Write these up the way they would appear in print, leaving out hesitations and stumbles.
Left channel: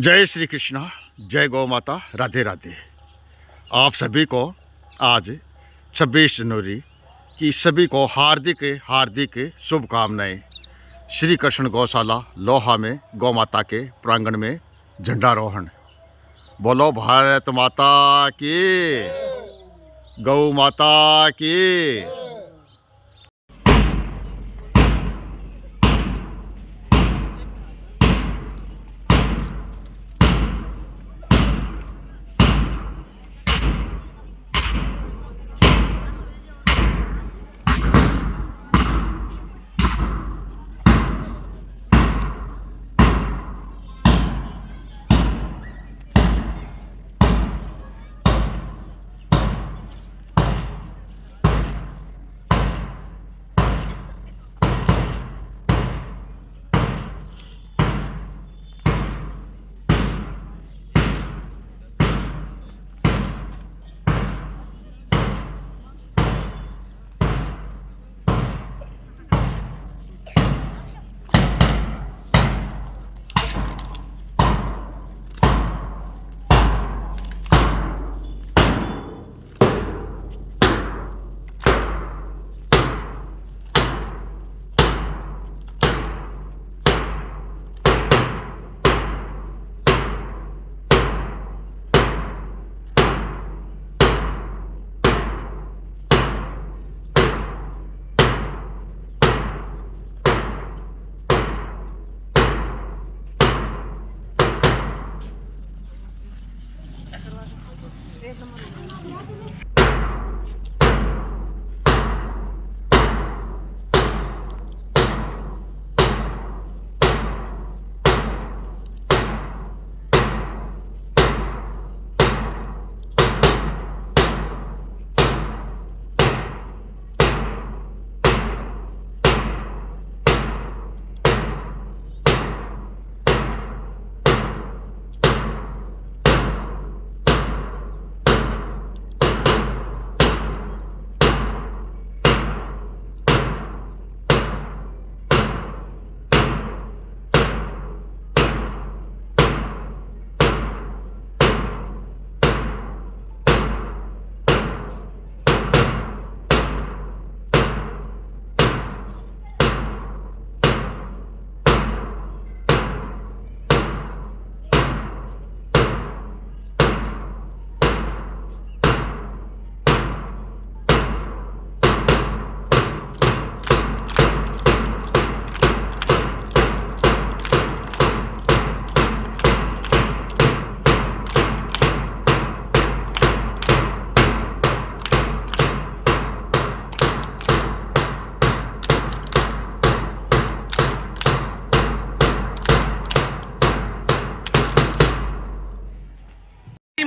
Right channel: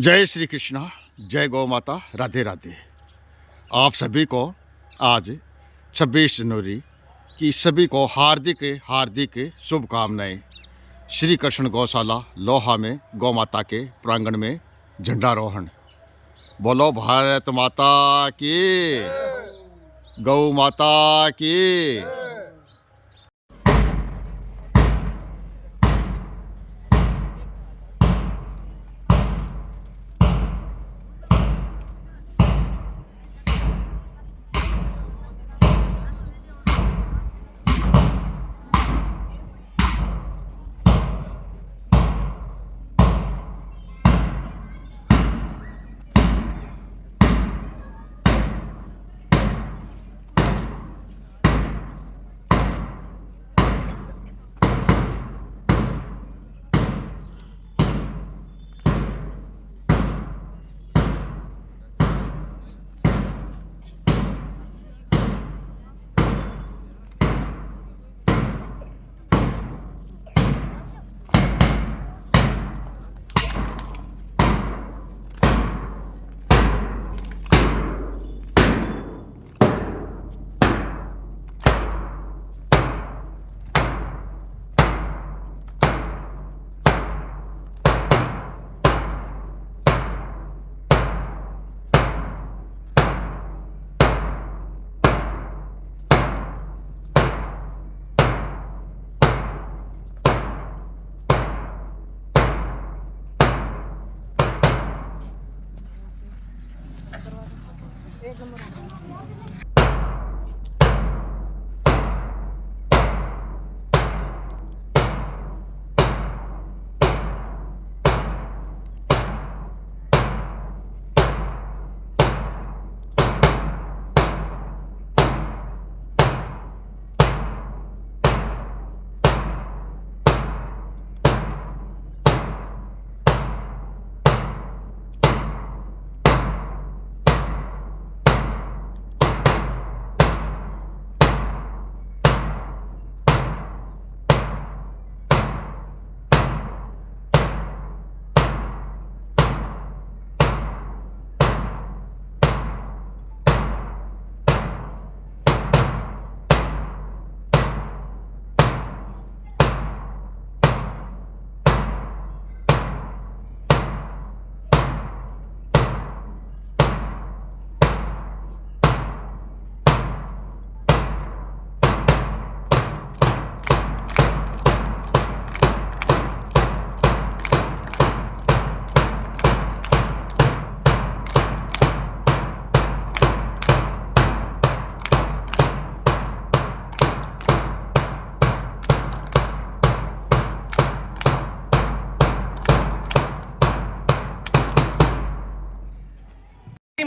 जय श्री कृष्णा, जय गौ माता, राधे राधे। आप सभी को आज 26 जनवरी की सभी को हार्दिक हार्दिक शुभकामनाएं। श्री कृष्ण गौशाला लोहा में गौ माता के प्रांगण में झंडारोहण। बोलो भारत माता की, गौ माता की।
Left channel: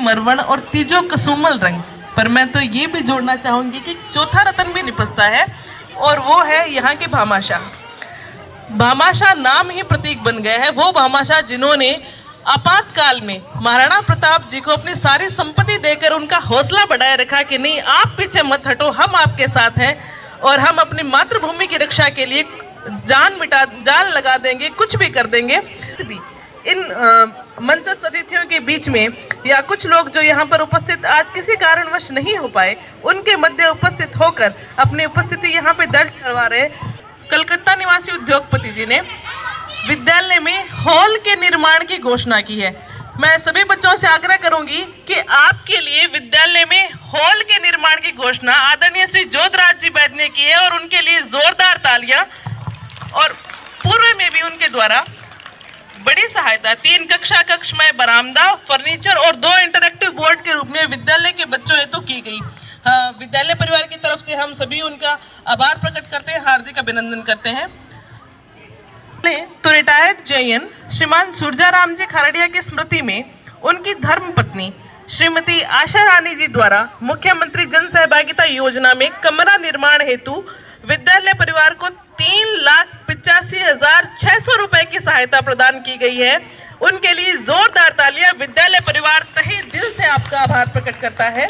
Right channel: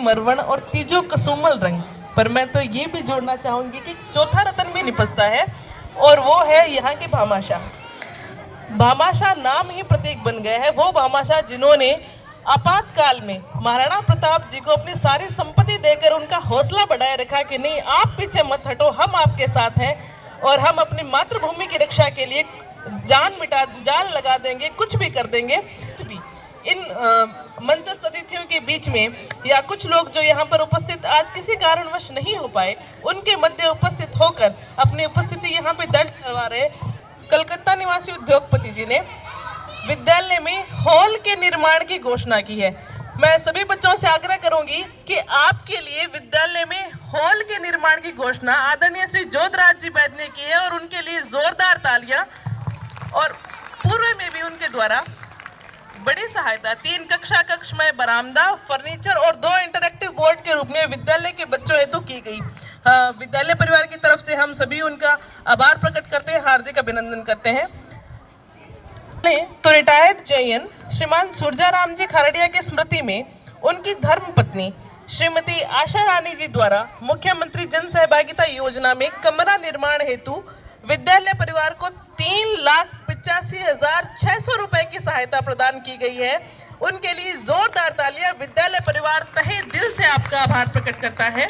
मरवण और तीजो कसुमल रंग पर मैं तो ये भी जोड़ना चाहूंगी कि चौथा रतन भी निपजता है और वो है यहाँ के भामाशाह। भामाशाह नाम ही प्रतीक बन गए हैं। वो भामाशाह जिन्होंने आपातकाल में महाराणा प्रताप जी को अपनी सारी संपत्ति देकर उनका हौसला बढ़ाए रखा कि नहीं, आप पीछे मत हटो, हम आपके साथ हैं और हम अपनी मातृभूमि की रक्षा के लिए जान लगा देंगे, कुछ भी कर देंगे। इन मंचस्थ अतिथियों के बीच में या कुछ लोग जो यहाँ पर उपस्थित आज किसी कारणवश नहीं हो पाए, उनके मध्य उपस्थित होकर अपनी उपस्थिति यहाँ पे दर्ज करवा रहे कलकत्ता निवासी उद्योगपति जी ने विद्यालय में हॉल के निर्माण की घोषणा की है। मैं सभी बच्चों से आग्रह करूंगी कि आपके लिए विद्यालय में हॉल के निर्माण की घोषणा आदरणीय श्री जोधराज जी वैद्य ने की है और उनके लिए जोरदार तालियां। और पूर्व में भी उनके द्वारा बड़ी सहायता 3 कक्ष में बरामदा, फर्नीचर और 2 इंटरैक्टिव बोर्ड के रूप में विद्यालय के बच्चों हेतु की गई। विद्यालय परिवार की तरफ से हम सभी उनका आभार प्रकट करते हैं, हार्दिक अभिनंदन करते हैं। तो रिटायर्ड जैन श्रीमान सुरजाराम जी खरड़िया की स्मृति में उनकी धर्म पत्नी श्रीमती आशा रानी जी द्वारा मुख्यमंत्री जन सहभागिता योजना में कमरा निर्माण हेतु विद्यालय परिवार को 3,85,600 रुपए की सहायता प्रदान की गई है। उनके लिए जोरदार तालियां। विद्यालय परिवार तहे दिल से आपका आभार प्रकट करता है।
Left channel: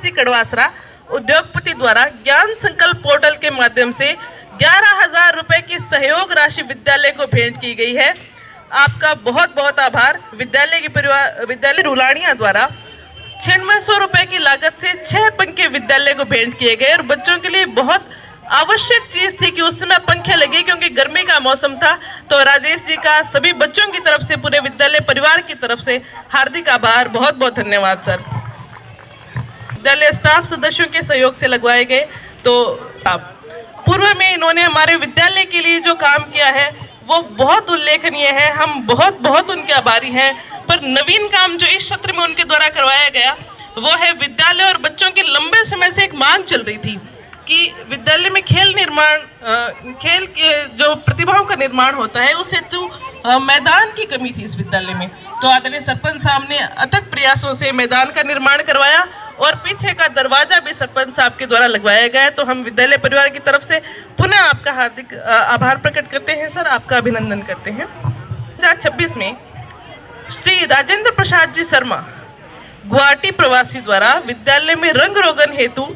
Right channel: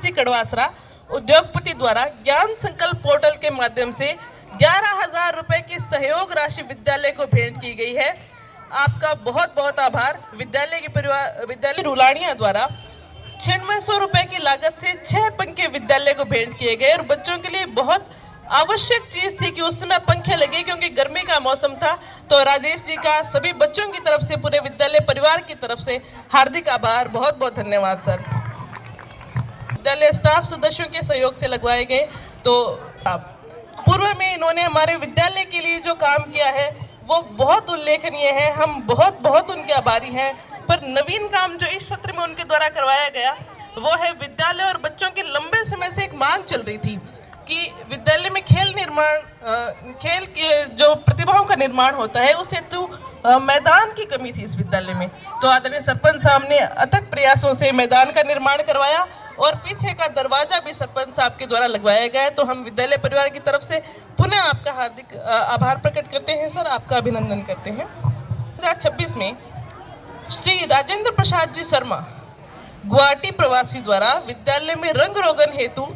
जी कड़वासरा उद्योगपति द्वारा ज्ञान संकल्प पोर्टल के माध्यम से 11,000 रुपए की सहयोग राशि विद्यालय को भेंट की गई है। आपका बहुत बहुत आभार। विद्यालय रुलानिया द्वारा 9600 रुपए की लागत से 6 पंखे विद्यालय को भेंट किए गए और बच्चों के लिए बहुत आवश्यक चीज थी कि उस समय पंखे लगे क्योंकि गर्मी का मौसम था। तो राजेश जी का सभी बच्चों की तरफ से, पूरे विद्यालय परिवार की तरफ से हार्दिक आभार, बहुत बहुत धन्यवाद सर। विद्यालय स्टाफ सदस्यों के सहयोग से लगवाए गए। तो पूर्व में इन्होंने हमारे विद्यालय के लिए जो काम किया है वो बहुत उल्लेखनीय है, हम बहुत बहुत उनके आभारी हैं। पर नवीन काम जो इस सत्र में उनके द्वारा करवाया गया वो है विद्यालय और बच्चों के लंबे समय से एक मांग चल रही थी कि विद्यालय में खेल के जो प्रतिभाओं का निर्माण होता है उस हेतु मैदान की कमी थी इस विद्यालय में। तो आदरणीय सरपंच साहब ने अथक प्रयासों से मैदान का निर्माण करवाया और पीछे का दरवाजा भी सरपंच साहब के द्वारा लगवाया गया है। तो हम विद्यालय परिवार की तरफ से पुनः आपका हार्दिक आभार प्रकट करते हैं सर, आपका अभिनंदन करते हैं। 2026 में श्री राजेंद्र प्रसाद जी शर्मा गुवाहाटी प्रवासी द्वारा विद्यालय में रंग रोगन हेतु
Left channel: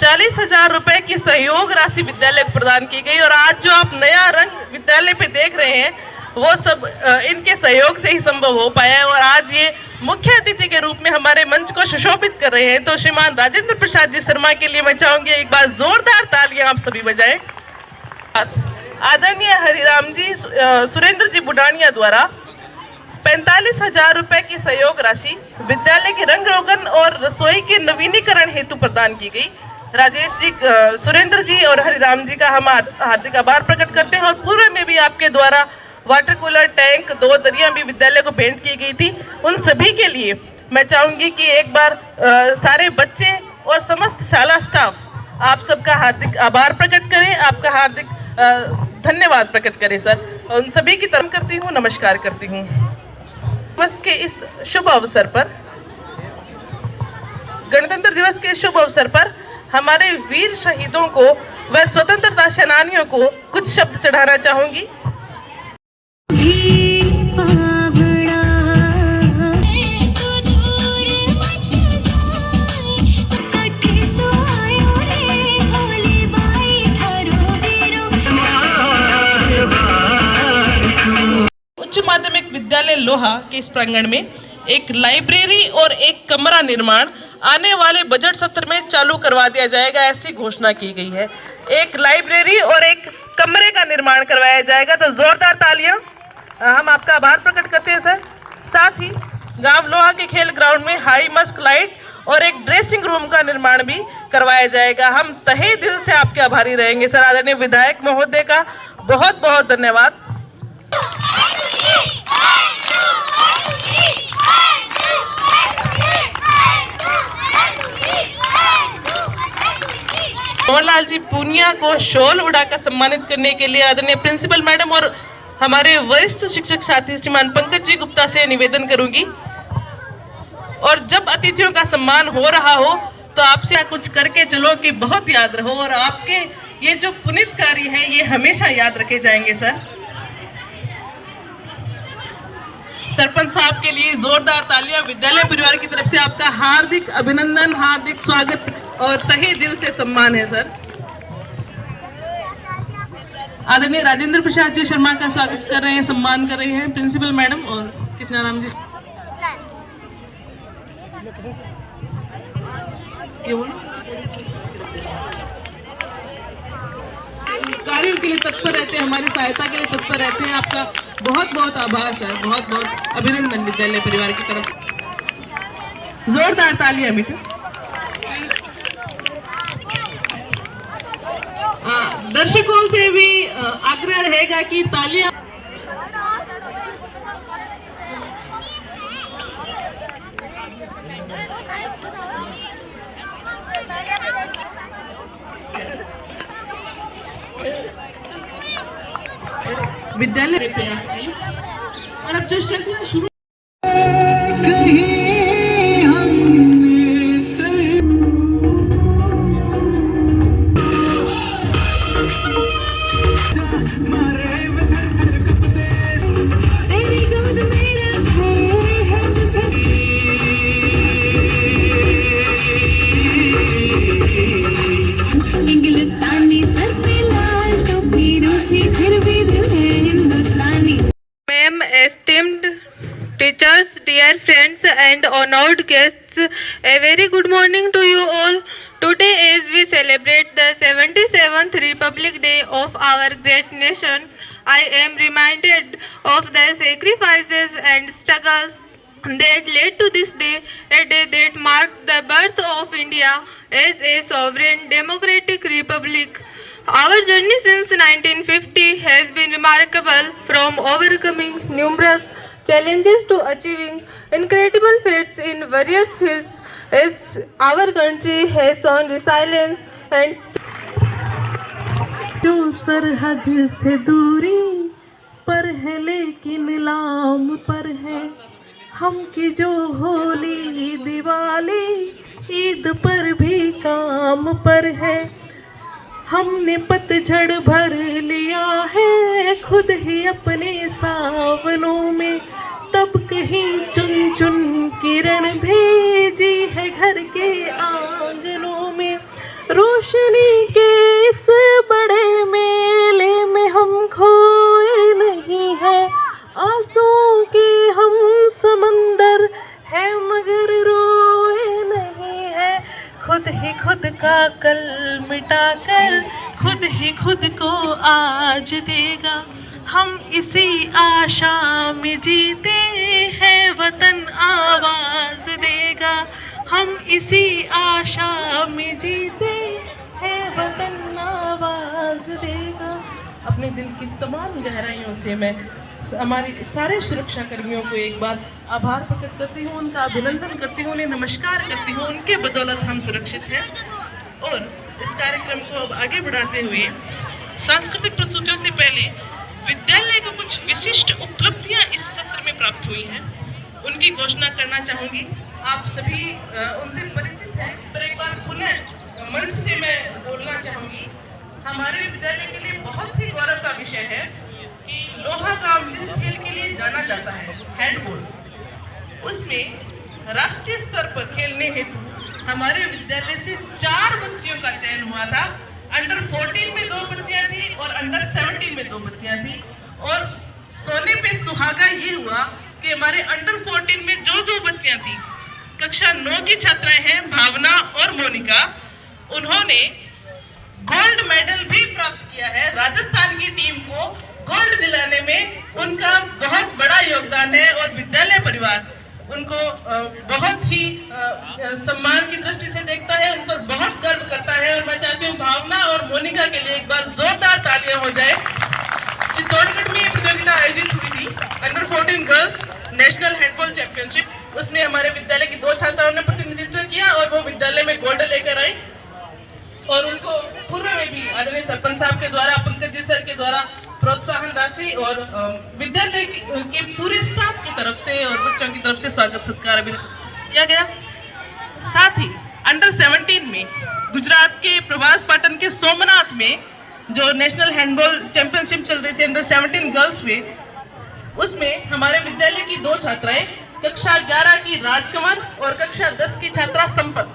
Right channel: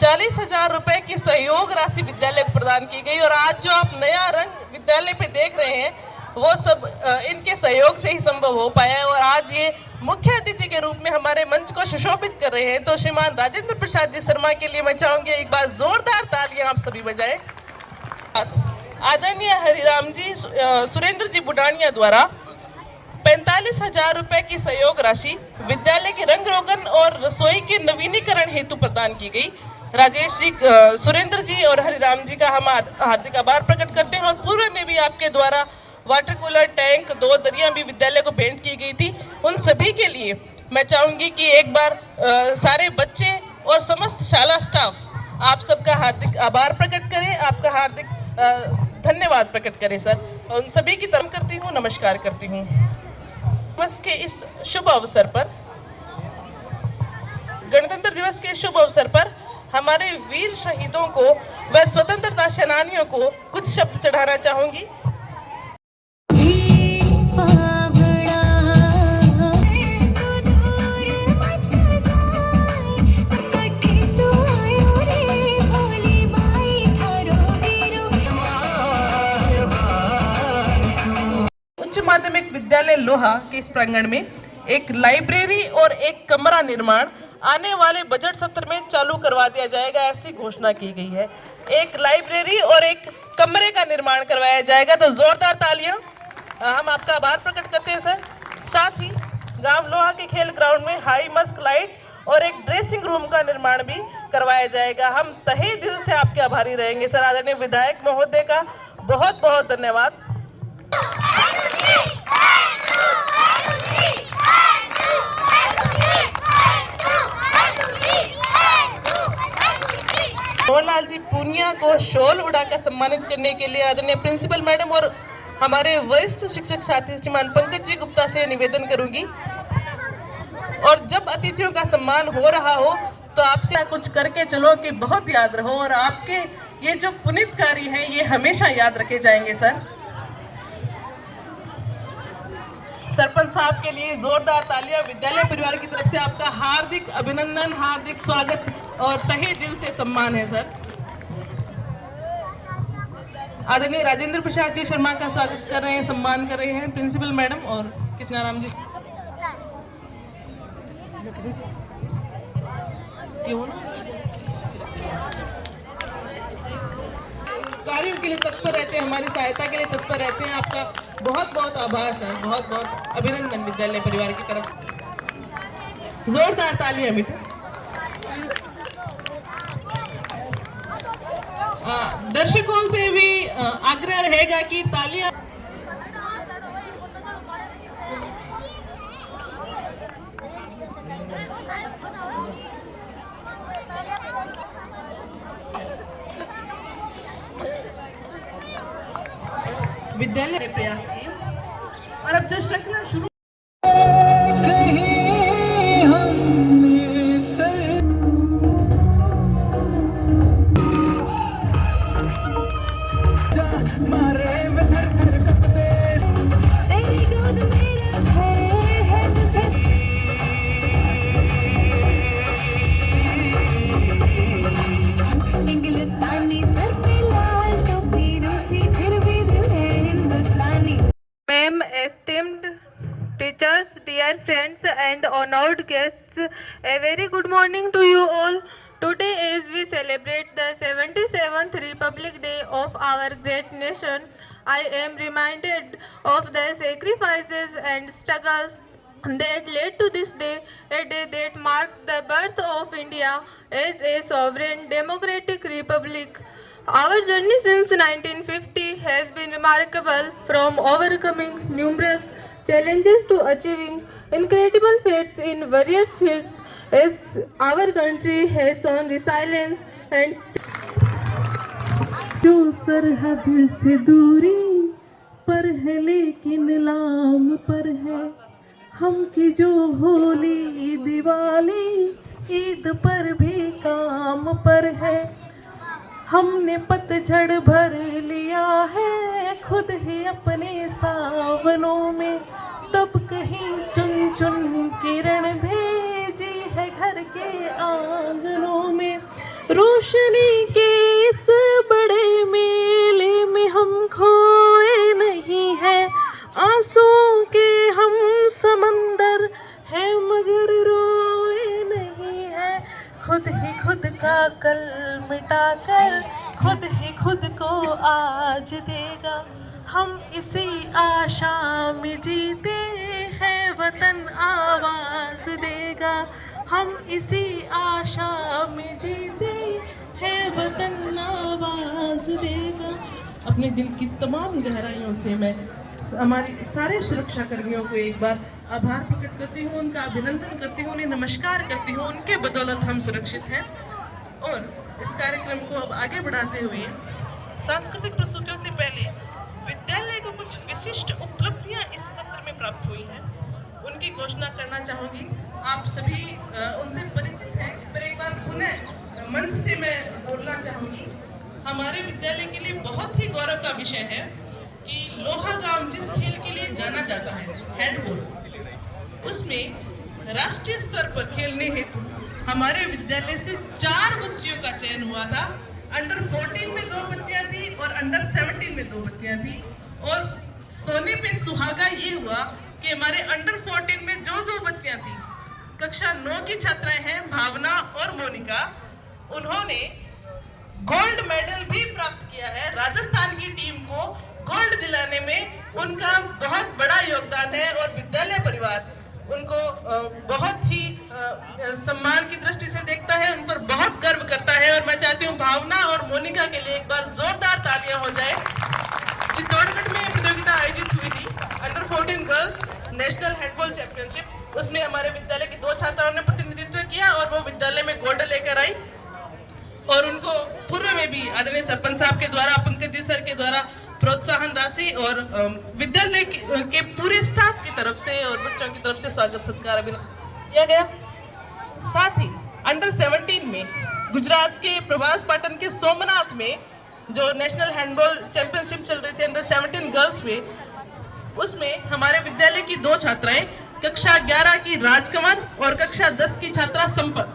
40,000 रुपए की सहयोग राशि विद्यालय को प्रदान की गई। और आज जो आप नया रंग विद्यालय पे देख रहे हैं वो सब इनके सहयोग से ही संभव हो पाया है। और आज ये मुख्य अतिथि के रूप में हमारे मंच को सुशोभित कर रहे हैं। तो श्रीमान राजेंद्र प्रसाद जी शर्मा के लिए मैं चाहूंगी एक बार जोरदार तालियां आप सभी बजाएं। आदरणीय हरिराम जी सुरेंद्र जी बुडानिया द्वारा 45,000 रुपए की सहयोग राशि विद्यालय की रंग रोगन और रसोई के नवीनीकरण हेतु प्रदान की गई। राजेश जी, सुरेंद्र जी और हरिराम जी का हम हार्दिक आभार प्रकट करते हैं। और पूर्व में भी आपके द्वारा वाटर कूलर, टैंक, 2 दरियां भी विद्यालय को भेंट की गई थी। उन सभी के लिए मैं चाहूंगी कि एक बार सारे बच्चे और समस्त शाला स्टाफ आप सबका हार्दिक आभार प्रकट करें, आपका हार्दिक धन्यवाद प्रकट करें सर। उन सभी की तरफ करती हूँ, नमस्कार करती हूँ। दिवस के इस शुभ अवसर पर, गणतंत्र दिवस के शुभ अवसर पर हमारे वीर शहीदों को व स्वतंत्रता सेनानियों को कुछ शब्द चढ़ाना चाहूंगी। उच्च माध्यमिक विद्यालय लोहा के इस प्रांगण में एक लाइब्रेरी और एक कमरा निर्माण आने वाले बजट सत्र में चालू करवा दिया जाएगा, ऐसी घोषणा की गई है। एक लाइब्रेरी और एक कमरे का निर्माण करवाया जाएगा। तो जोरदार तालियां, हम आपका आभार प्रकट करते हैं सर। साथ ही गांव लोहा के खेल ग्राउंड में हाई मस्क लाइट और एक ड्रेसिंग रूम का निर्माण भी करवाया जाएगा। हम तहे दिल से आपके आभारी रहेंगे सर। आदरणीय विधायक महोदय का बहुत बहुत धन्यवाद। मोहनलाल जी पूनिया को शॉल उड़ाकर सम्मानित करने के लिए आदरणीय प्रिंसिपल मैडम और हमारे वरिष्ठ शिक्षक साथी श्रीमान पंकज जी गुप्ता से निवेदन करूंगी। और जब अतिथियों का सम्मान हो रहा हो तो आपसे कुछ करके चलो कि बहुत याद रहो, और आपके ये जो पुनीत कार्य हैं ये हमेशा याद रखे जाएंगे सर। सरपंच साहब के लिए जोरदार तालियां। विद्यालय परिवार की तरफ से आपका हार्दिक अभिनंदन, हार्दिक स्वागत और तहे दिल से सम्मान है सर। आदरणीय राजेंद्र प्रसाद जी शर्मा का स्वागत कर रहे हैं, सम्मान कर रहे हैं प्रिंसिपल मैडम और कृष्णाराम जी। कार्यों के लिए तत्पर रहते हैं, हमारी सहायता के लिए तत्पर रहते हैं। आपका बहुत बहुत आभार सर, बहुत बहुत अभिनंदन विद्यालय परिवार की तरफ से। जोरदार तालियां बेटा। दर्शकों से भी आग्रह रहेगा कि तालियां। विद्यालय प्रयास की और अब जो श्रृंखला शुरू teachers, dear friends and honored guests, a very good morning to you all. Today as we celebrate the 77th Republic Day of our great nation, I am reminded of the sacrifices and struggles that led to this day, a day that marked the birth of India as a sovereign democratic republic. Our journey since 1950 has been remarkable, from overcoming numerous challenges to achieving incredible feats in various fields, as our country has shown resilience and जो सरहद से दूरी पर है लेकिन नाम पर है, हम की जो होली दिवाली ईद पर भी काम पर है। हमने पतझड़ भर लिया है खुद ही अपने सावनों में, तब कहीं चुन चुन किरण भेजी है घर के आंगनों में। रोशनी के इस बड़े मेले में हम खोए नहीं है, आंसुओं के हम समंदर है मगर रोए नहीं है। खुद ही खुद का कल मिटाकर खुद ही खुद को आज देगा, हम इसी आशा में जीते हैं वतन आवाज देगा, हम इसी आशा में जीते हैं वतन आवाज देगा। अपने दिल की तमाम गहराइयों से मैं हमारे सारे सुरक्षा कर्मियों को एक बार आभार प्रकट करती हूँ, उनका अभिनंदन करती हूँ, उन्हें नमस्कार करती हूँ। उनके बदौलत हम सुरक्षित हैं। और इस कार्यक्रम को अब आगे बढ़ाते हुए सांस्कृतिक प्रस्तुतियों से पहले विद्यालय को कुछ विशिष्ट उपलब्धियां इस सत्र में प्राप्त हुई हैं, उनकी घोषणा करना चाहूँगी। आप सभी उनसे परिचित हैं, पर एक बार पुनः मंच से मैं बोलना चाहूँगी। हमारे विद्यालय के लिए बहुत ही गौरव का विषय है कि लोहा गांव जिस खेल के लिए जाना जाता है, हैंडबॉल, उसमें राष्ट्रीय स्तर पर खेलने हेतु हमारे विद्यालय से 4 बच्चियों का चयन हुआ था। अंडर 14 में 2 बच्चियां थी और अंडर 17 में 2 बच्चियां थी। और सोने पे सुहागा ये हुआ कि हमारे अंडर 14 में जो 2 बच्चियां थी, कक्षा 9 की छात्राएं हैं भावना और मोनिका, उन्होंने गोल्ड मेडल भी प्राप्त किया है। राजस्थान की टीम को गोल्ड दिलाने में उनका बहुत बड़ा योगदान है और विद्यालय परिवार उनको बहुत ही सम्मान की दृष्टि से देखता है, उन पर बहुत गर्व करता है। और मैं चाहती हूँ भावना और मोनिका के लिए एक बार जोरदार तालियां हो जाए। चित्तौड़गढ़ में ये प्रतियोगिता आयोजित हुई थी, under 14 girls national handball championship. उसमें हमारे विद्यालय की 2 छात्राओं ने प्रतिनिधित्व किया और वो विद्यालय में गोल्ड लेकर आई। और उनको पूर्व में भी आदरणीय सरपंच साहब के द्वारा, पंकज जी सर के द्वारा प्रोत्साहन राशि और विद्यालय के पूरे स्टाफ की तरफ से और बच्चों की तरफ से स्वागत सत्कार भी किया गया। साथ ही अंडर 17 में गुजरात के प्रभास पाटन के सोमनाथ में जो नेशनल हैंडबॉल चैंपियनशिप चल रही थी अंडर 17 गर्ल्स में, उसमें हमारे विद्यालय की 2 छात्राएं, कक्षा 11 की राजकमल और कक्षा 10 की छात्रा संपत,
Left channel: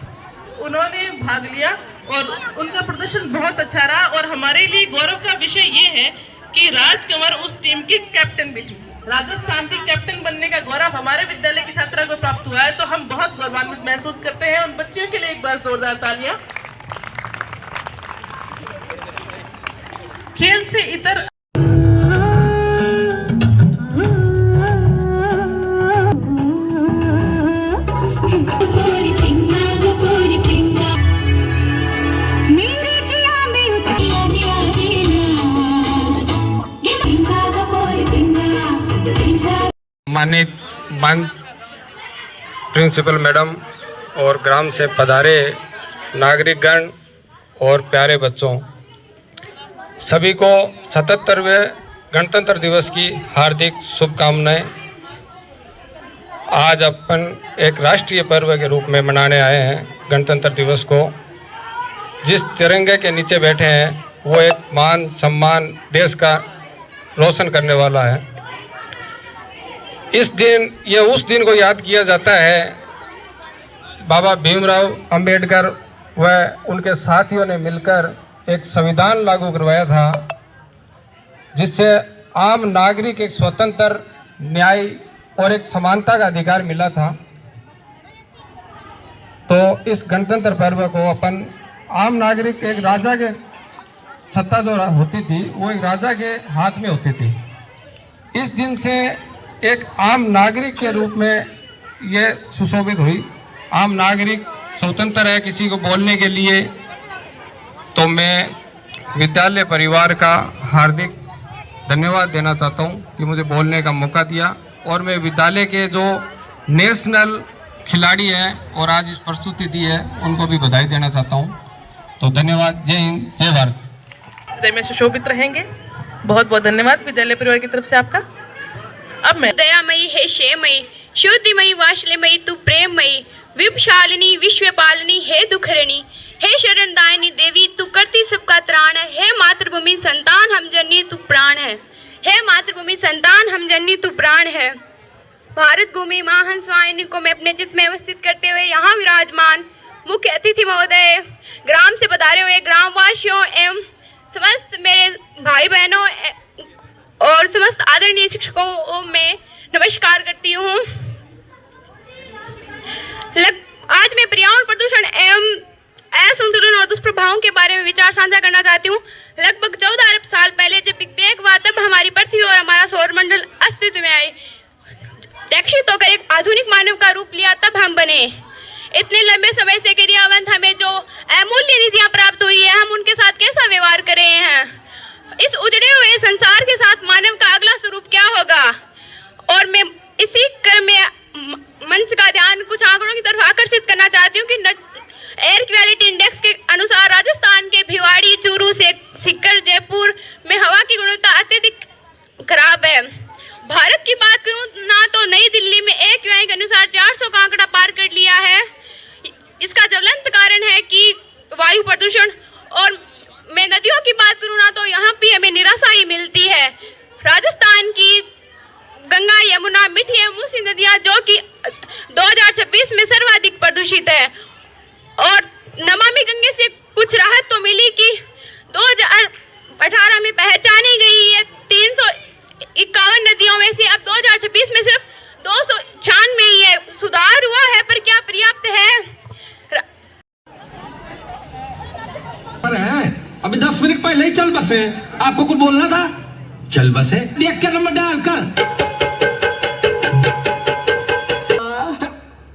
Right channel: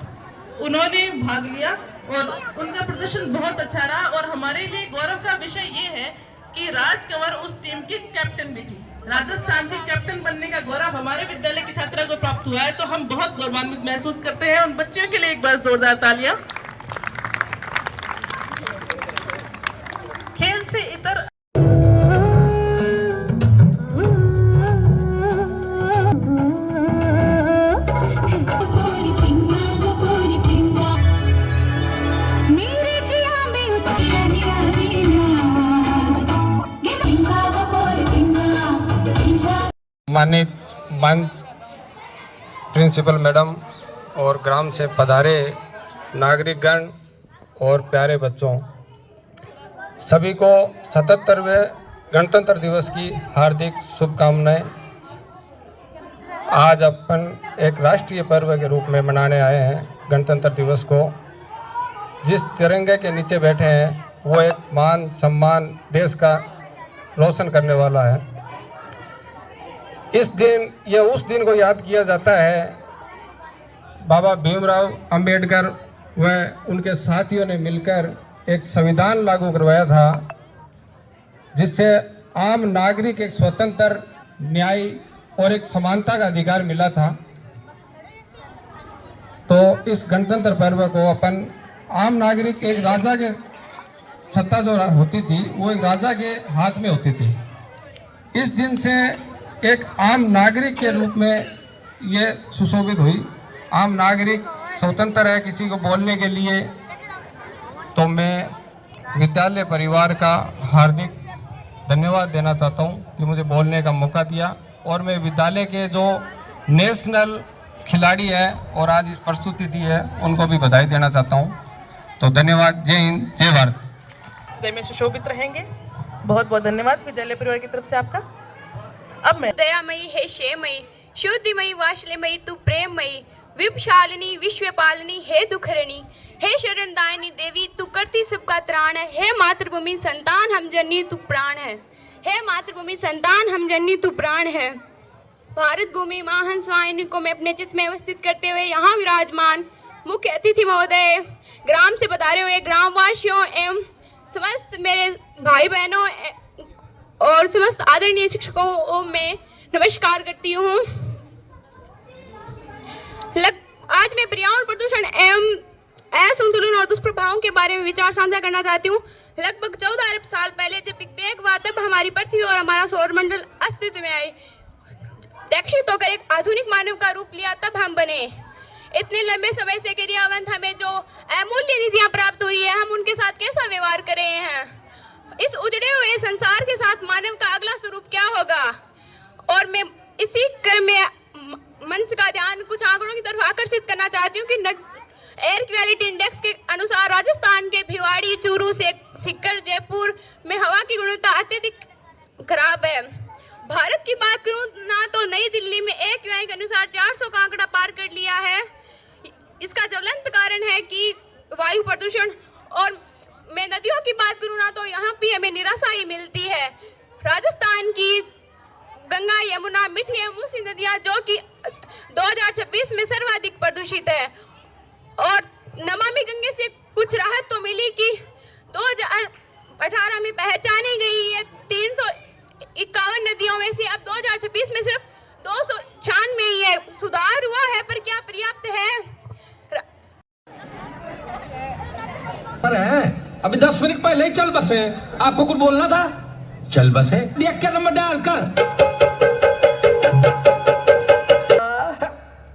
उन्होंने भाग लिया और उनका प्रदर्शन बहुत अच्छा रहा। और हमारे लिए गौरव का विषय ये है कि राजकंवर उस टीम की कैप्टन भी थी। राजस्थान की कैप्टन बनने का गौरव हमारे विद्यालय की छात्रा को प्राप्त हुआ है, तो हम बहुत गौरवान्वित महसूस करते हैं। उन बच्चों के लिए एक बार जोरदार तालियां। खेल से इतर माननीय मंच प्रिंसिपल मैडम और ग्राम से पधारे नागरिकगण और प्यारे बच्चों, सभी को 77वें गणतंत्र दिवस की हार्दिक शुभकामनाएं। आज अपन एक राष्ट्रीय पर्व के रूप में मनाने आए हैं गणतंत्र दिवस को। जिस तिरंगे के नीचे बैठे हैं वो एक मान सम्मान देश का रोशन करने वाला है। इस दिन, यह उस दिन को याद किया जाता है बाबा भीमराव अंबेडकर व उनके साथियों ने मिलकर एक संविधान लागू करवाया था, जिससे आम नागरिक एक स्वतंत्र, न्याय और एक समानता का अधिकार मिला था। तो इस गणतंत्र पर्व को अपन आम नागरिक, एक राजा के सत्ता जो होती थी वो एक राजा के हाथ में होती थी। इस दिन से एक आम नागरिक के रूप में ये सुशोभित हुई। आम नागरिक स्वतंत्र है किसी को बोलने के लिए। तो मैं विद्यालय परिवार का हार्दिक धन्यवाद देना चाहता हूँ कि मुझे बोलने का मौका दिया, और मैं विद्यालय के जो नेशनल खिलाड़ी हैं और आज इस प्रस्तुति दी है उनको भी बधाई देना चाहता हूँ। तो धन्यवाद। जय हिंद, जय भारत। विद्यालय में सुशोभित रहेंगे। बहुत बहुत धन्यवाद विद्यालय परिवार की तरफ से आपका। अब मैं दयामयी हे क्षेमयी, शुद्धिमयी वात्सल्यमयी तू प्रेममयी, विपशालिनी विश्वपालिनी हे दुखहरणी, हे शरणदायिनी देवी तू करती सबका त्राण है। हे मातृभूमि संतान हम जननी तू प्राण है। हे मातृभूमि संतान हम जननी तू प्राण है। भारत भूमि मां हंसवाहिनी को मैं अपने चित्त में अवस्थित करते हुए यहाँ विराजमान मुख्य अतिथि महोदय, ग्राम से पधारे हुए ग्रामवासियों एवं समस्त मेरे भाई बहनों और समस्त आदरणीय शिक्षकों को मैं नमस्कार करती हूँ। आज मैं पर्यावरण प्रदूषण एवं असंतुलन और दुष्प्रभावों के बारे में विचार साझा करना चाहती हूँ। लगभग 14 अरब साल पहले जब बिग बैंग हुआ तब हमारी पृथ्वी और हमारा सौरमंडल अस्तित्व में आए। विकसित होकर एक आधुनिक मानव का रूप लिया तब हम बने। इतने लंबे समय से क्रियावंत हमें जो अमूल्य निधियां प्राप्त हुई है, हम उनके साथ कैसा व्यवहार कर रहे हैं। इस उजड़े हुए संसार के साथ मानव का अगला स्वरूप क्या होगा। और मैं इसी क्रम में मंच का ध्यान कुछ आंकड़ों की तरफ आकर्षित करना चाहती हूँ कि एयर क्वालिटी इंडेक्स के अनुसार राजस्थान के भिवाड़ी, चूरू से सीकर, जयपुर में हवा की गुणवत्ता अत्यधिक खराब है। भारत की बात करूं ना तो नई दिल्ली में AQI के अनुसार 400 का आंकड़ा पार कर लिया है। इसका ज्वलंत कारण है कि वायु प्रदूषण। और मैं नदियों की बात करूं ना तो यहाँ भी हमें निराशा ही मिलती है। राजस्थान की गंगा, यमुना, मिठी एवं मूसी नदियाँ जो कि 2026 में सर्वाधिक प्रदूषित है। और नमामि गंगे से कुछ राहत तो मिली कि 2018 में पहचानी गई है 351 नदियों में से अब 2026 में सिर्फ 296 ही है। सुधार हुआ है पर क्या पर्याप्त है? अभी 10 मिनट पहले ही चल बसे। आपको कुछ बोलना था? चल बसे। देख कर नंबर डाल कर।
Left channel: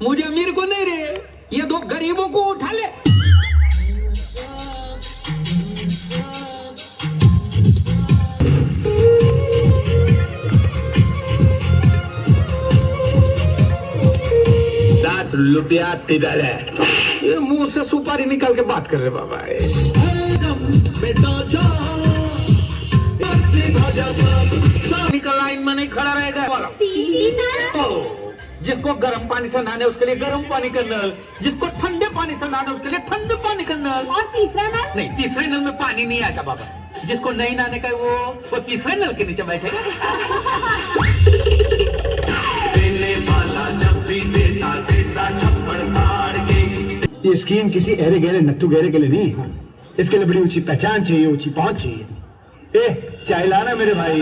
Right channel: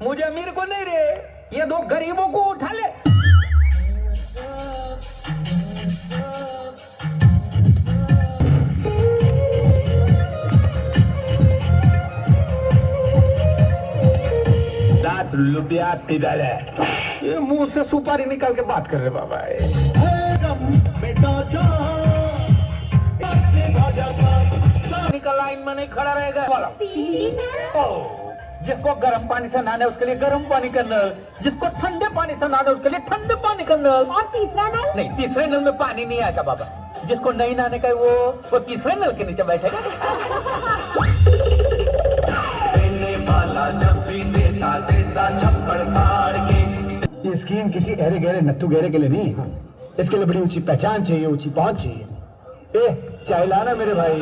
मुझे अमीर को नहीं रे, ये दो गरीबों को उठा ले। लुटिया तिधर है। ये मुंह से सुपारी निकाल के बात कर रहे बाबा। निकल लाइन में नहीं खड़ा रहेगा। जिसको गर्म पानी से नहाना है उसके लिए गर्म पानी का नल, जिसको ठंडे पानी से नहाना है उसके लिए ठंडे पानी का नल। और तीसरा नल? नहीं, तीसरे नल में पानी नहीं आएगा बाबा। जिसको नहीं नहाने का वो तीसरे नल के नीचे बैठेगा। देने वाला जब भी देता देता छप्पड़ फाड़ के। ये स्कीम किसी अरे गहरे नट्टू गहरे के लिए नहीं है। इसके लिए बड़ी ऊंची पहचान चाहिए, ऊंची पहुंच चाहिए। चाय लाना मेरे भाई।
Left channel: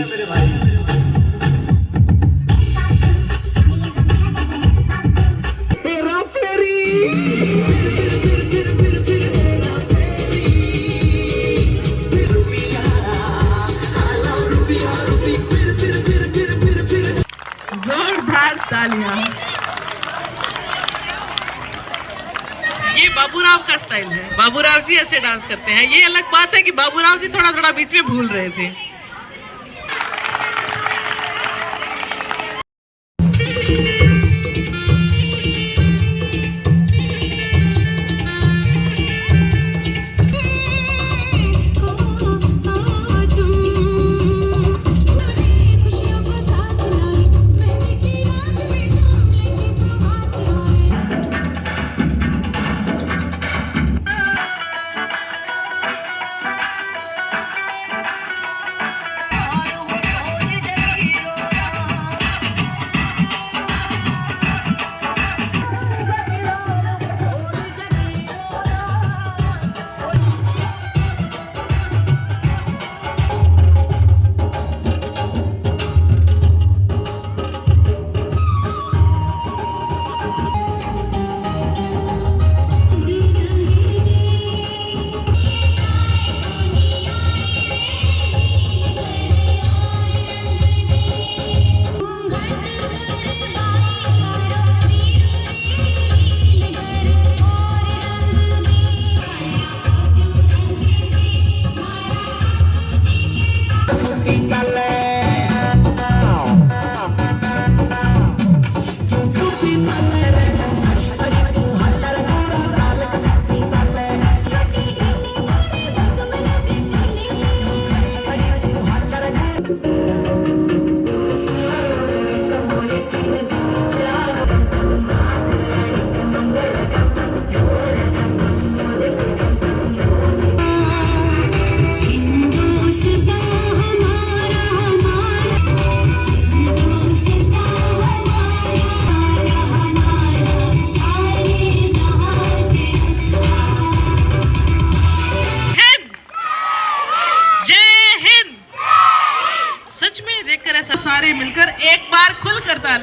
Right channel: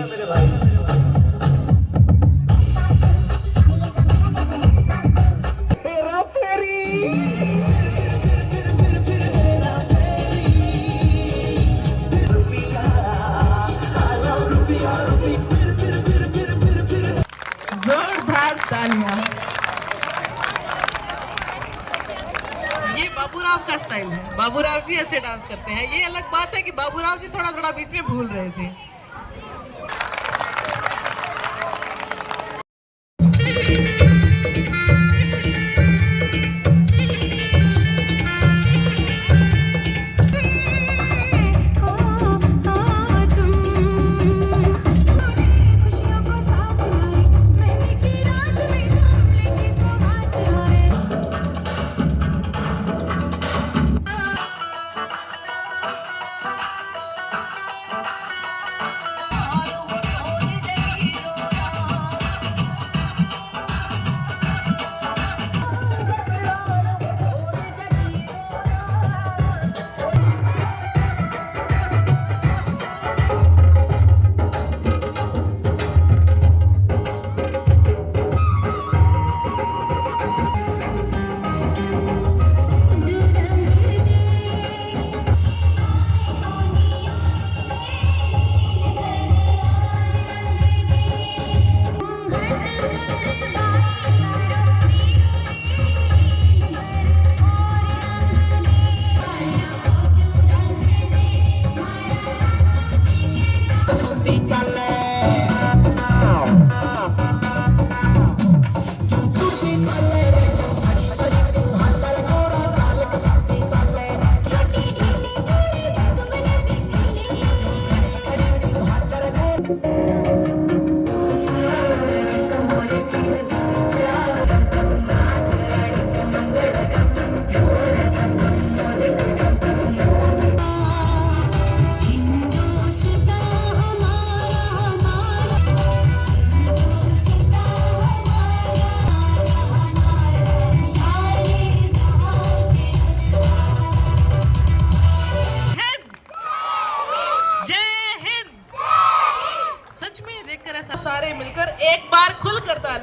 जोरदार तालियां। ये बाबूराव का स्टाइल है। बाबूराव जी ऐसे डांस करते हैं। ये अलग बात है कि बाबूराव जी थोड़ा थोड़ा बीच में भूल रहे थे।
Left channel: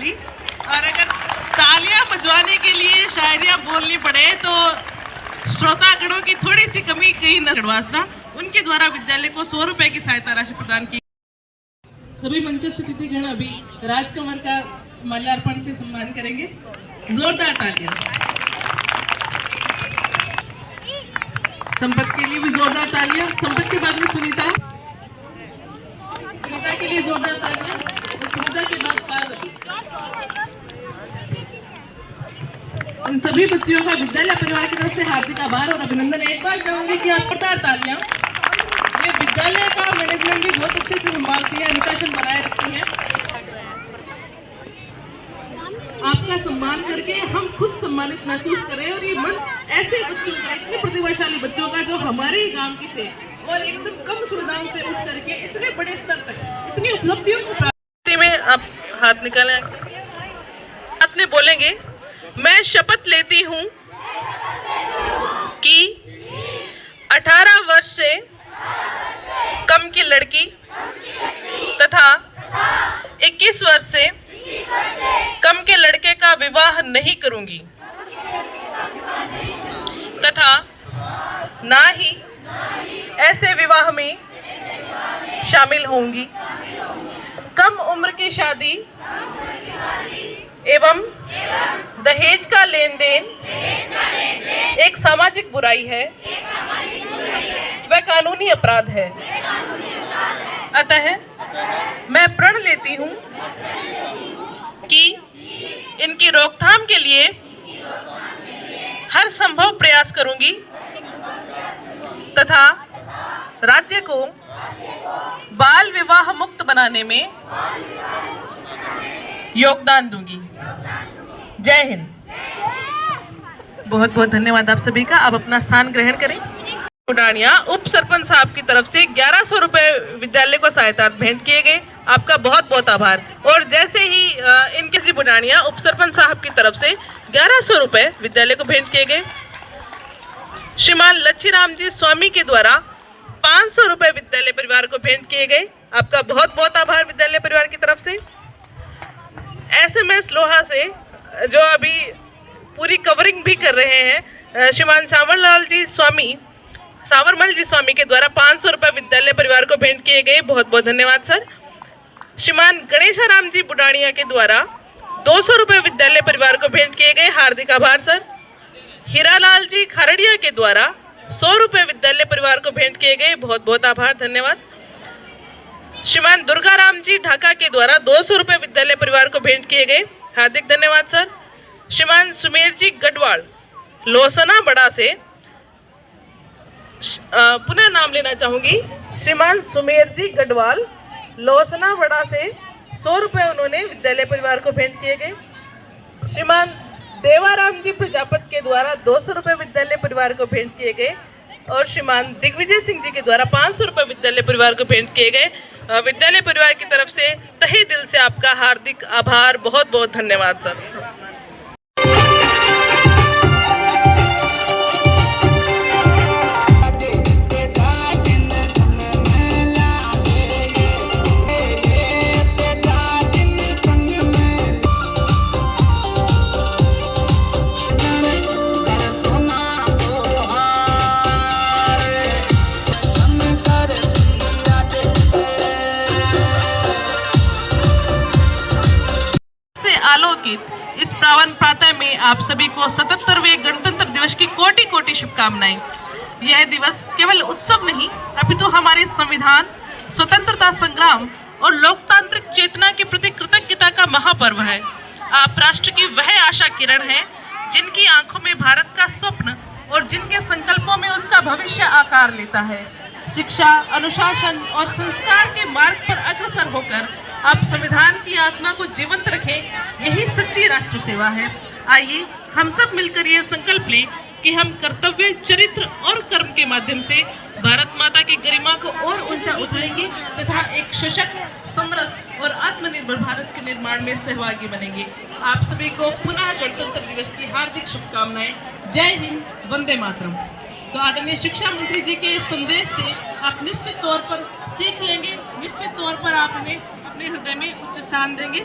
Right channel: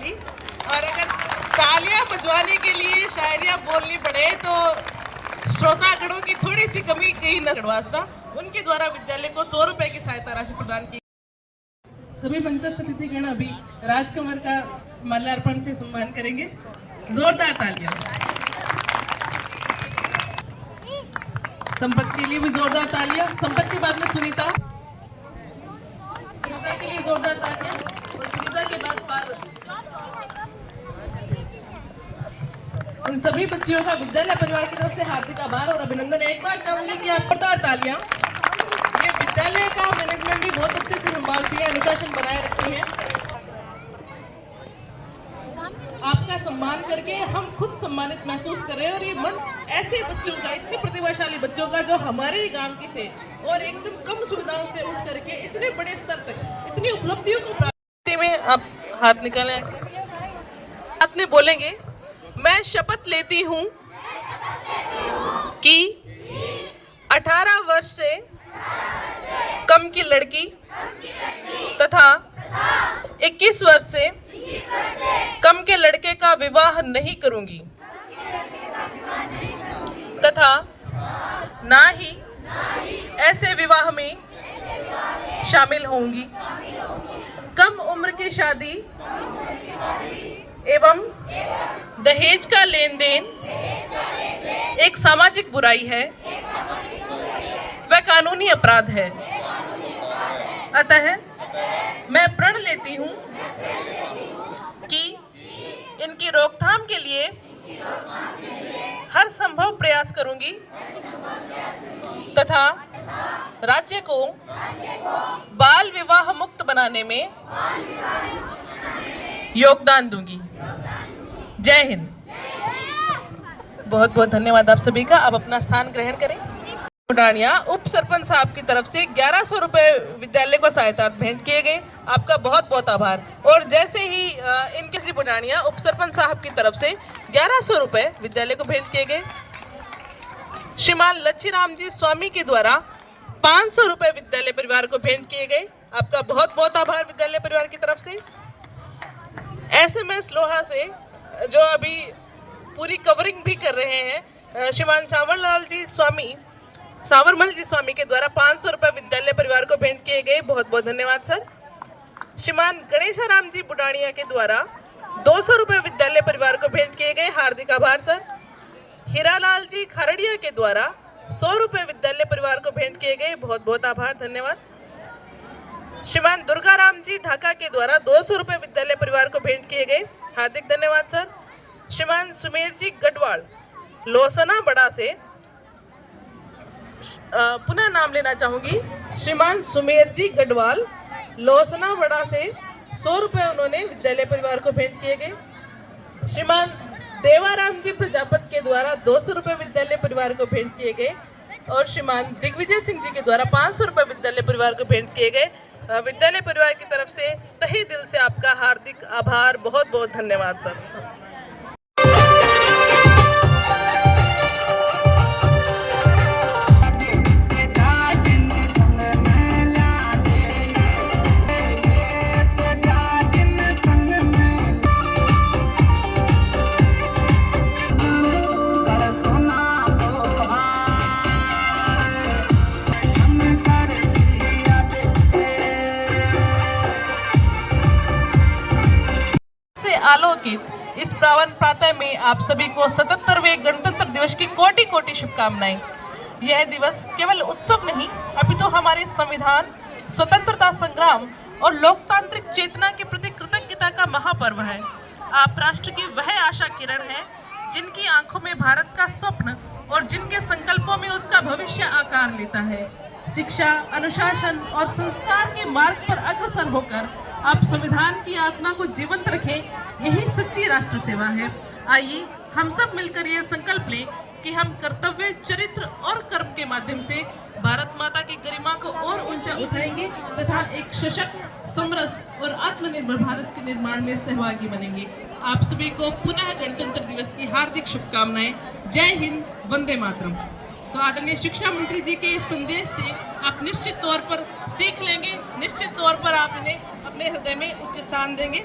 होगी। और अगर तालियां बजवाने के लिए शायरियां बोलनी पड़े तो श्रोतागणों की थोड़ी सी कमी कहीं न खड़वासरा, उनके द्वारा विद्यालय को 100 रुपए की सहायता राशि प्रदान की। सभी मंचस्थ अतिथिगण अभी राजकमल का माल्यार्पण से सम्मान करेंगे। जोरदार तालियां। संपत के लिए भी जोरदार तालियां। संपत के बाद में सुनीता के लिए जोरदार तालियां। सुनीता के बाद पार्वती। इन सभी बच्चियों का विद्यालय परिवार की तरफ से हार्दिक आभार और अभिनंदन। एक बार चाहूंगी कि आप जोरदार तालियां। ये विद्यालय का मैनेजमेंट भी बहुत अच्छे से संभालती है, अनुशासन बनाए रखती है। आपका सम्मान करके हम खुद सम्मानित महसूस करें और ये मन ऐसे बच्चों का, इतने प्रतिभाशाली बच्चों का जो हमारे ही गांव के थे और एकदम कम सुविधाओं से उठ करके इतने बड़े स्तर तक इतनी उपलब्धियों को प्राप्ति में आप हाथ निकालें। हाथ में बोलेंगे, मैं शपथ लेती हूँ कि 18 वर्ष से कम की लड़की तथा 21 वर्ष से कम के लड़के का विवाह नहीं करूंगी तथा ना ही ऐसे विवाह में शामिल होंगी। कम उम्र की शादी एवं दहेज का लेन देन एक सामाजिक बुराई है, वह कानूनी अपराध है। अतः मैं प्रण लेती हूँ कि इनकी रोकथाम के लिए हर संभव प्रयास करूंगी तथा राज्य को बाल विवाह मुक्त बनाने में योगदान दूंगी। जय हिंद। बहुत बहुत धन्यवाद आप सभी का। अब अपना स्थान ग्रहण करें। बुढ़ानिया उप सरपंच साहब की तरफ से 1100 रुपए विद्यालय को सहायता भेंट किए गए। आपका बहुत बहुत आभार। और जैसे ही इनके श्री बुढ़ानिया उप सरपंच साहब की तरफ से 1100 रुपए विद्यालय को भेंट किए गए। श्रीमान लच्छीराम जी स्वामी के द्वारा 500 रुपए विद्यालय परिवार को भेंट किए गए। आपका बहुत बहुत आभार विद्यालय परिवार की तरफ से। SMS लोहा से जो अभी पूरी कवरिंग भी कर रहे हैं, श्रीमान सांवरमल जी स्वामी के द्वारा 500 रुपए विद्यालय परिवार को भेंट किए गए। बहुत बहुत धन्यवाद सर। श्रीमान गणेशाराम जी बुढ़ानिया के द्वारा 200 रुपए विद्यालय परिवार को भेंट किए गए। हार्दिक आभार सर। हीरालाल जी खरड़िया के द्वारा 100 रुपए विद्यालय परिवार को भेंट किए गए। बहुत बहुत आभार, धन्यवाद। श्रीमान दुर्गाराम जी ढाका के द्वारा 200 रुपए विद्यालय परिवार को भेंट किए गए। हार्दिक धन्यवाद सर। श्रीमान सुमेर जी गढ़वाल लोसना बड़ा से पुनः नाम लेना चाहूंगी। श्रीमान सुमेर जी गढ़वाल लोसना बड़ा से 100 रुपए उन्होंने विद्यालय परिवार को भेंट किए गए। श्रीमान देवाराम जी प्रजापत के द्वारा 200 रुपए विद्यालय परिवार को भेंट किए गए। और श्रीमान दिग्विजय सिंह जी के द्वारा 500 रुपए विद्यालय परिवार को भेंट किए गए। विद्यालय परिवार की तरफ से तहे दिल से आपका हार्दिक आभार, बहुत बहुत धन्यवाद सर। इस पावन प्रातः में आप सभी को 77वें गणतंत्र दिवस की कोटि कोटि शुभकामनाएं। यह दिवस केवल उत्सव नहीं अपितु हमारे संविधान, स्वतंत्रता संग्राम और लोकतांत्रिक चेतना के प्रति कृतज्ञता का महापर्व है। आप राष्ट्र की वह आशा किरण हैं जिनकी आंखों में भारत का स्वप्न और जिनके संकल्पों में उसका भविष्य आकार लेता है। शिक्षा, अनुशासन और संस्कार के मार्ग पर अग्रसर होकर आप संविधान की आत्मा को जीवंत रखें, यही सच्ची राष्ट्र सेवा है। आइए हम सब मिलकर ये संकल्प लें कि हम कर्तव्य, चरित्र और कर्म के माध्यम से भारत माता की गरिमा को और ऊंचा उठाएंगे तथा एक सशक्त, समरस और आत्मनिर्भर भारत के निर्माण में सहभागी बनेंगे। आप सभी को पुनः गणतंत्र दिवस की हार्दिक शुभकामनाएं। जय हिंद, वंदे मातरम। तो आदरणीय शिक्षा मंत्री जी के इस संदेश से आप निश्चित तौर पर सीख लेंगे, निश्चित तौर पर आप इन्हें अपने हृदय में उच्च स्थान देंगे।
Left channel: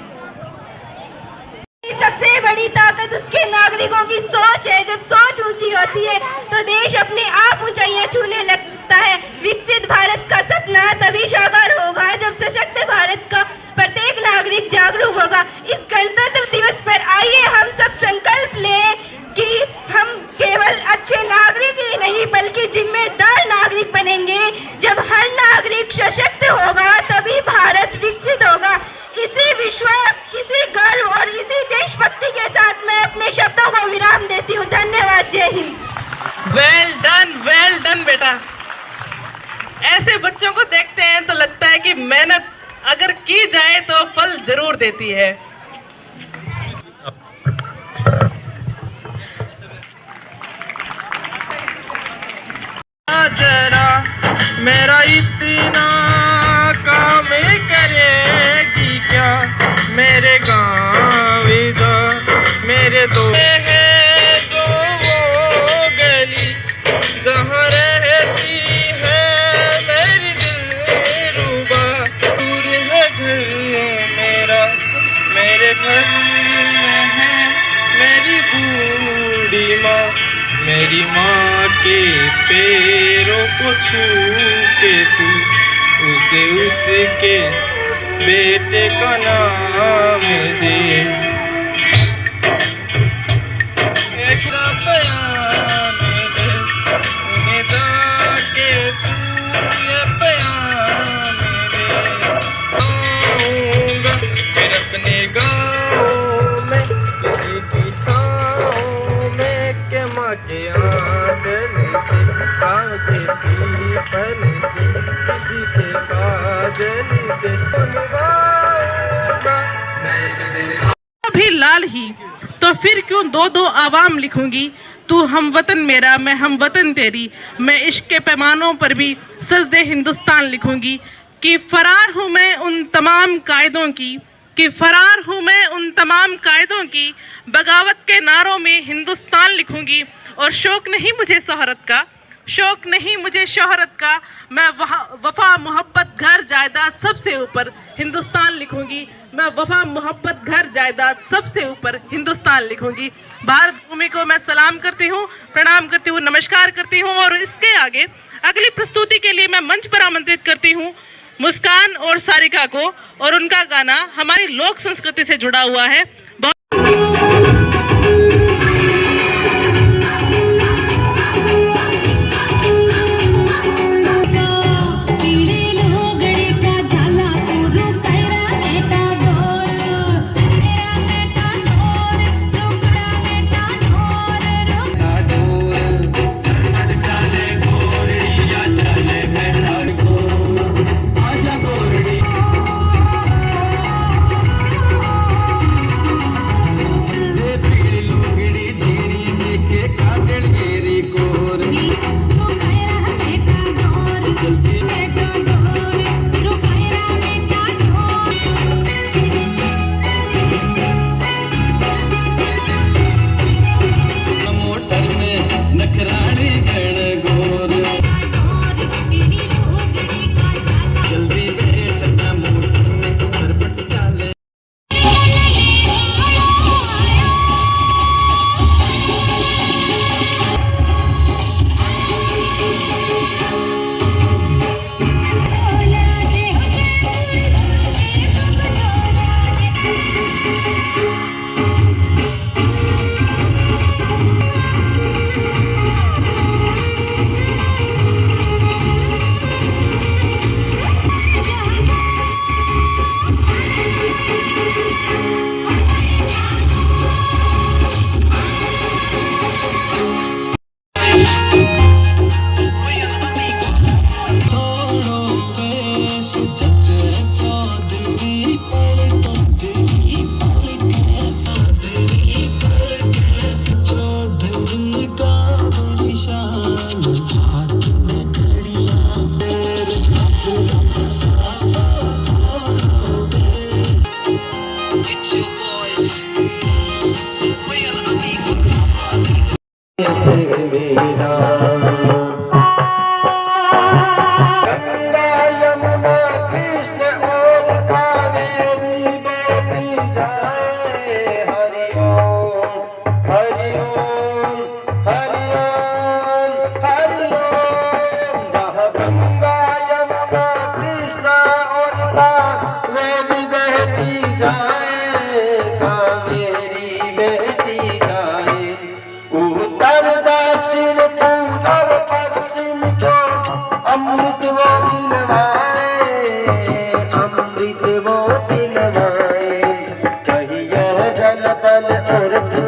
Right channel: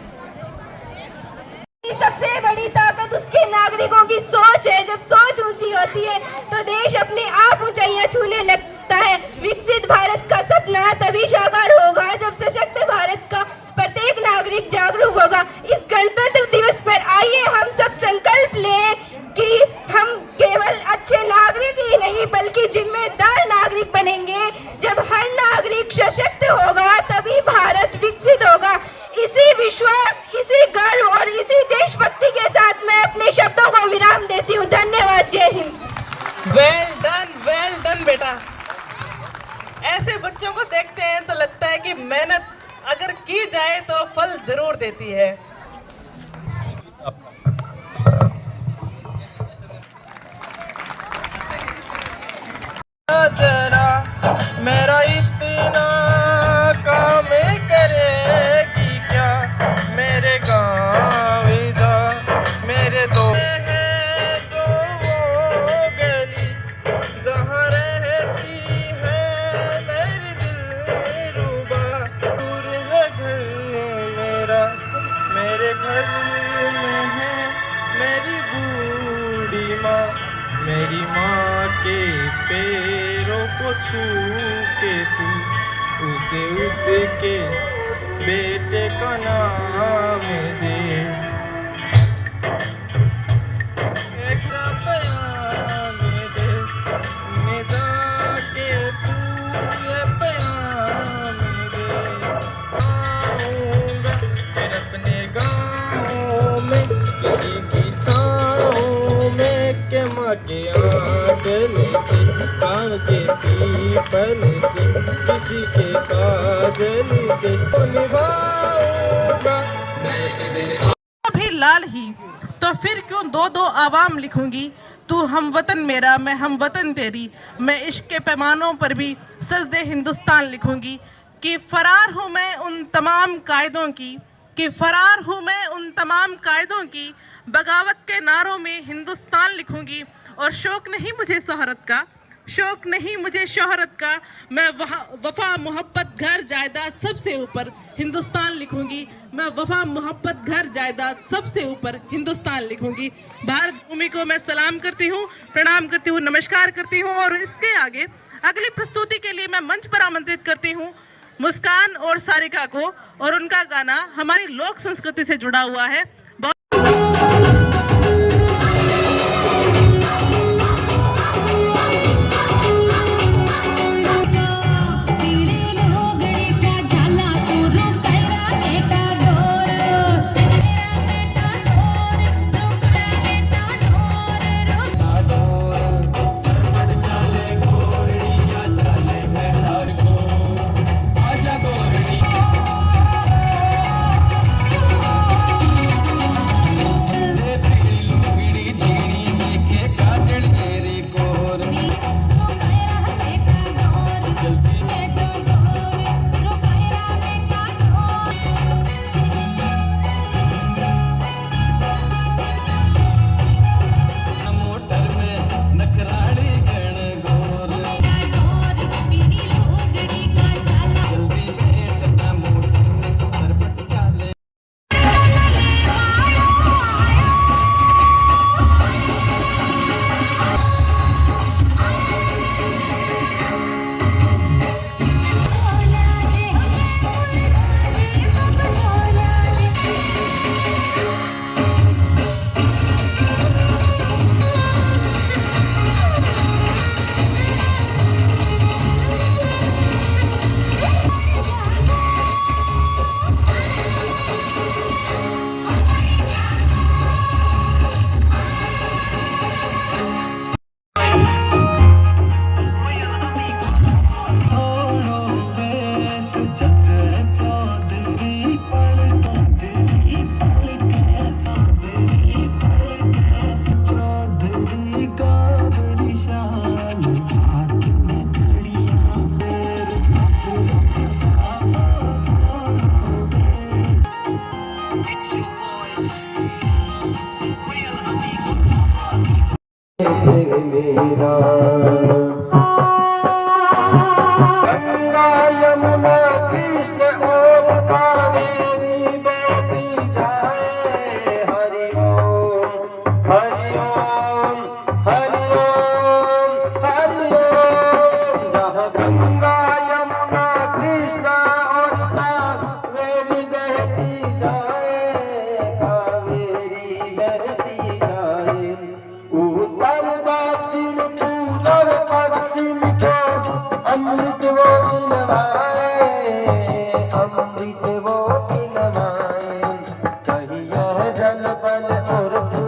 सबसे बड़ी ताकत उसके नागरिकों की सोच है। जब सोच ऊंची होती है तो देश अपने आप ऊंचाइयां छूने लगता है। विकसित भारत का सपना तभी साकार होगा जब सशक्त भारत का प्रत्येक नागरिक जागरूक होगा। इस गणतंत्र दिवस पर आइए हम सब संकल्प लें कि हम केवल अच्छे नागरिक ही नहीं बल्कि जिम्मेदार नागरिक बनेंगे। जब हर नागरिक सशक्त होगा तभी भारत विकसित होगा। इसी विश्वास, इसी गर्व और इसी देशभक्ति के साथ मैं अपने शब्दों को विराम देती हूँ। धन्यवाद। जय हिंद। वेल डन बेटा। ऐसे बच्चों को देखते हैं तो लगता है कि मेहनत अगर की जाए तो फल जरूर देती है। जरा मेरा इतना काम करेगी क्या मेरे गाँव मेरे दो है जो वो गली जहाँ रहती है मेरी दिलरुबा। दूर है घर मेरा, मेरे घर में है मेरी बूढ़ी माँ। मेरी माँ के पैरों को छू के तू उसे उसके बेटे का नाम दे। एक प्याम दे उन्हें जाके तू ये प्याम दे। आऊंगा फिर अपने गाँव में किसी की छाँव में के माँ के आंचल से आगे पीपल से किसी के काजल से निभाऊंगा। भी लाल ही तो फिर क्यों दो दो आवाम लिखूंगी। तू हम वतन मेरा, मैं हम वतन तेरी। मैं इश्क के पैमानों पर भी सजदे हिंदुस्तान लिखूंगी। कि फरार हूँ मैं उन तमाम कायदों की, कि फरार हूँ मैं उन तमाम कायदों की। बगावत के नारों में हिंदुस्तान लिखूंगी। और शौक नहीं मुझे शोहरत का, शौक नहीं मुझे शोहरत का। मैं वफा मोहब्बत घर जायदाद सबसे ऊपर हिंदुस्तान लिखूंगी। मैं वफा मोहब्बत घर जायदाद सबसे ऊपर हिंदुस्तान लिखूंगी। भारत भूमि को मैं सलाम करती हूँ, प्रणाम करती हूँ, नमस्कार करती हूँ। और इसके आगे अगली प्रस्तुति के लिए मैं मंच पर आमंत्रित करती हूँ मुस्कान और सारिका को। और उनका गाना हमारी लोक संस्कृति से जुड़ा हुआ है। और